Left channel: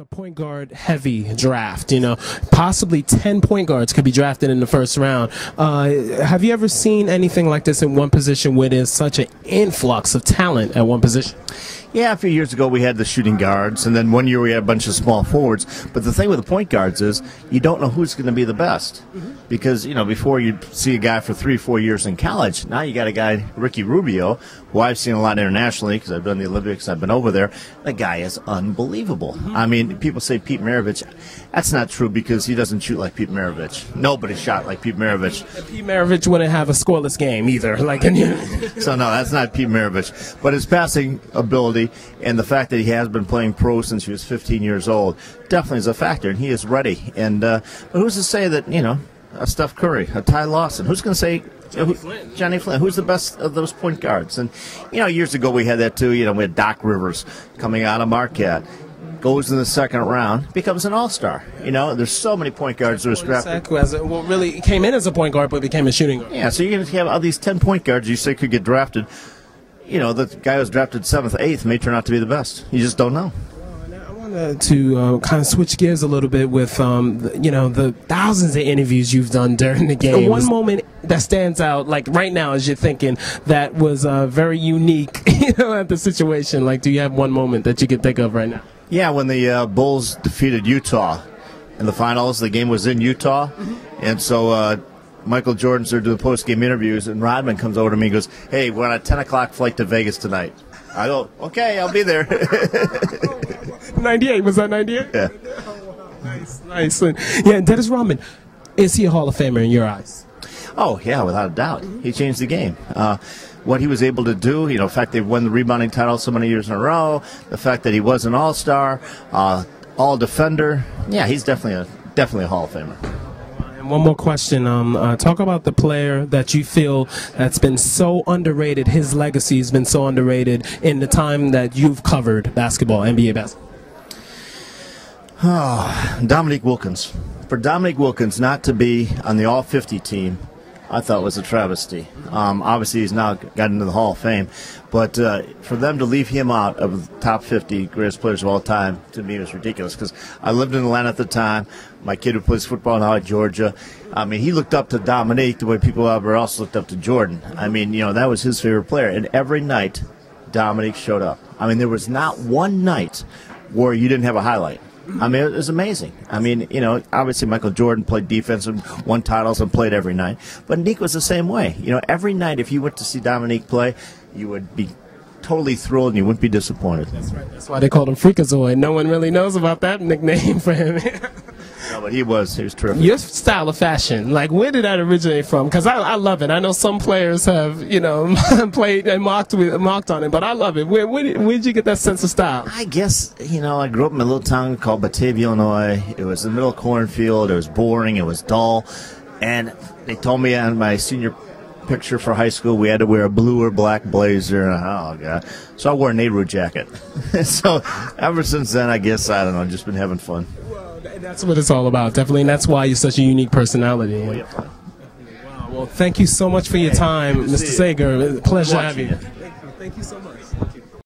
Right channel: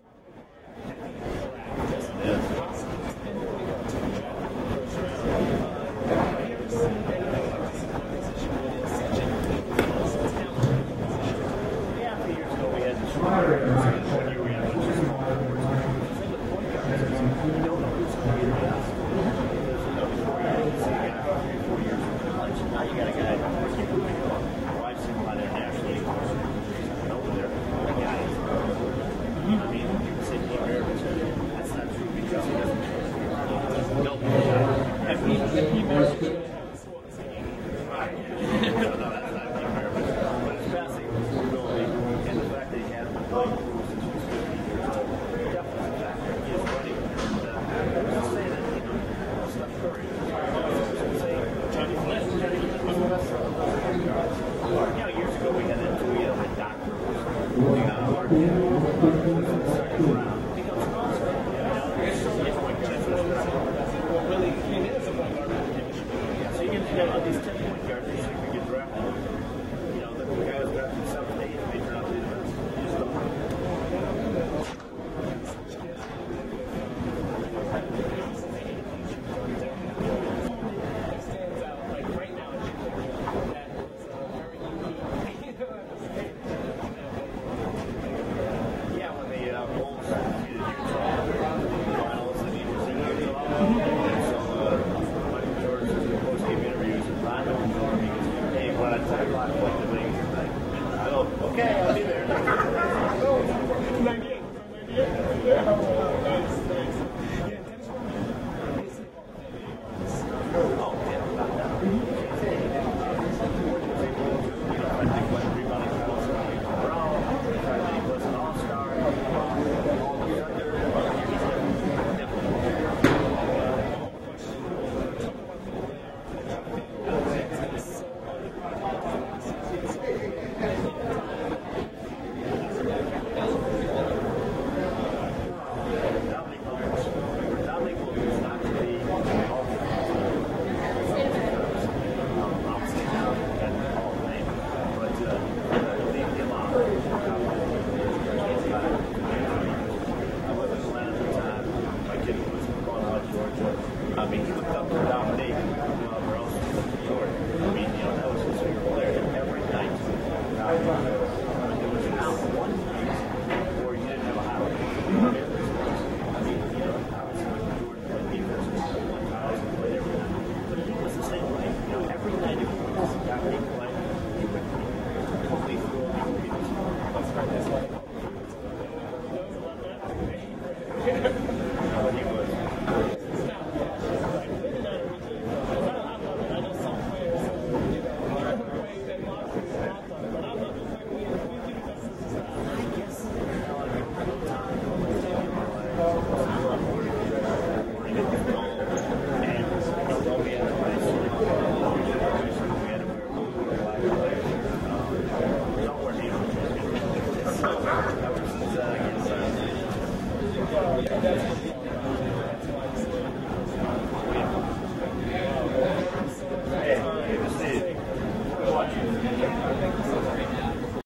a point guard heavy draft, you know, possibly 10 point guards could be drafted in the first round. Have you ever seen anything like this in one position where there's such an influx of talent at one position? Yeah, a few years ago we had the shooting guards, and then one year we had a bunch of small forwards. But the thing with the point guards is you don't know who's going to be the best. Because, you know, before you see a guy for 3-4 years in college, now you got a guy, Ricky Rubio, who I've seen a lot internationally because I've done the Olympics, I've been over there. The guy is unbelievable. I mean, people say Pete Maravich. That's not true because he doesn't shoot like Pete Maravich. Nobody shot like Pete Maravich. Pete Maravich wouldn't have a scoreless game either. So no, that's not Pete Maravich. But his passing ability and the fact that he has been playing pro since he was 15 years old definitely is a factor, and he is ready. And who's to say that, you know, a Steph Curry, a Ty Lawson, who's going to say Johnny Flynn, who's the best of those point guards? And, you know, years ago we had that too. You know, we had Doc Rivers coming out of Marquette, goes in the second round, becomes an all-star. You know, there's so many point guards that are scrapped. Really came in as a point guard but became a shooting guard. Yeah, so you're going to have all these 10 point guards you say could get drafted. You know, the guy who was drafted 7th, 8th may turn out to be the best. You just don't know. To kind of switch gears a little bit with, you know, the thousands of interviews you've done during the game. One moment that stands out, like right now as you're thinking, that was very unique, you know, at the situation. Like, do you have one moment that you could think of right now? Yeah, when the Bulls defeated Utah in the finals. The game was in Utah, and so Michael Jordan's there doing post-game interviews, and Rodman comes over to me and goes, "Hey, we're on a 10 o'clock flight to Vegas tonight." I go, "Okay, I'll be there." 98, was that 98? Yeah. Nice. Yeah, and Dennis Rodman, is he a Hall of Famer in your eyes? Oh, yeah, without a doubt. He changed the game. What he was able to do, you know, the fact they've won the rebounding title so many years in a row, the fact that he was an all-star, all-defender, yeah, he's definitely a Hall of Famer. One more question. Talk about the player that you feel that's been so underrated. His legacy has been so underrated in the time that you've covered basketball, NBA basketball. Dominique Wilkins. For Dominique Wilkins not to be on the All-50 team, I thought was a travesty. Obviously, he's now got into the Hall of Fame, but for them to leave him out of the top 50 greatest players of all time, to me, was ridiculous. Because I lived in Atlanta at the time. My kid who plays football now at Georgia. I mean, he looked up to Dominique the way people everywhere else looked up to Jordan. I mean, you know, that was his favorite player. And every night, Dominique showed up. I mean, there was not one night where you didn't have a highlight. I mean, it was amazing. I mean, you know, obviously Michael Jordan played defense and won titles and played every night. But Nick was the same way. You know, every night if you went to see Dominique play, you would be totally thrilled and you wouldn't be disappointed. That's why they called him Freakazoid. No one really knows about that nickname for him. No, but he was terrific. Your style of fashion, like, where did that originate from? Because I love it. I know some players have, you know, played and mocked on it, but I love it. Where did you get that sense of style? I guess, you know, I grew up in a little town called Batavia, Illinois. It was in the middle of a cornfield. It was boring. It was dull. And they told me on my senior picture for high school we had to wear a blue or black blazer. Oh, God. So I wore a Nehru jacket. So ever since then, I guess, I don't know, just been having fun. That's what it's all about, definitely, and that's why you're such a unique personality. Thank you so much for your time, Mr. Sager. Pleasure to have you.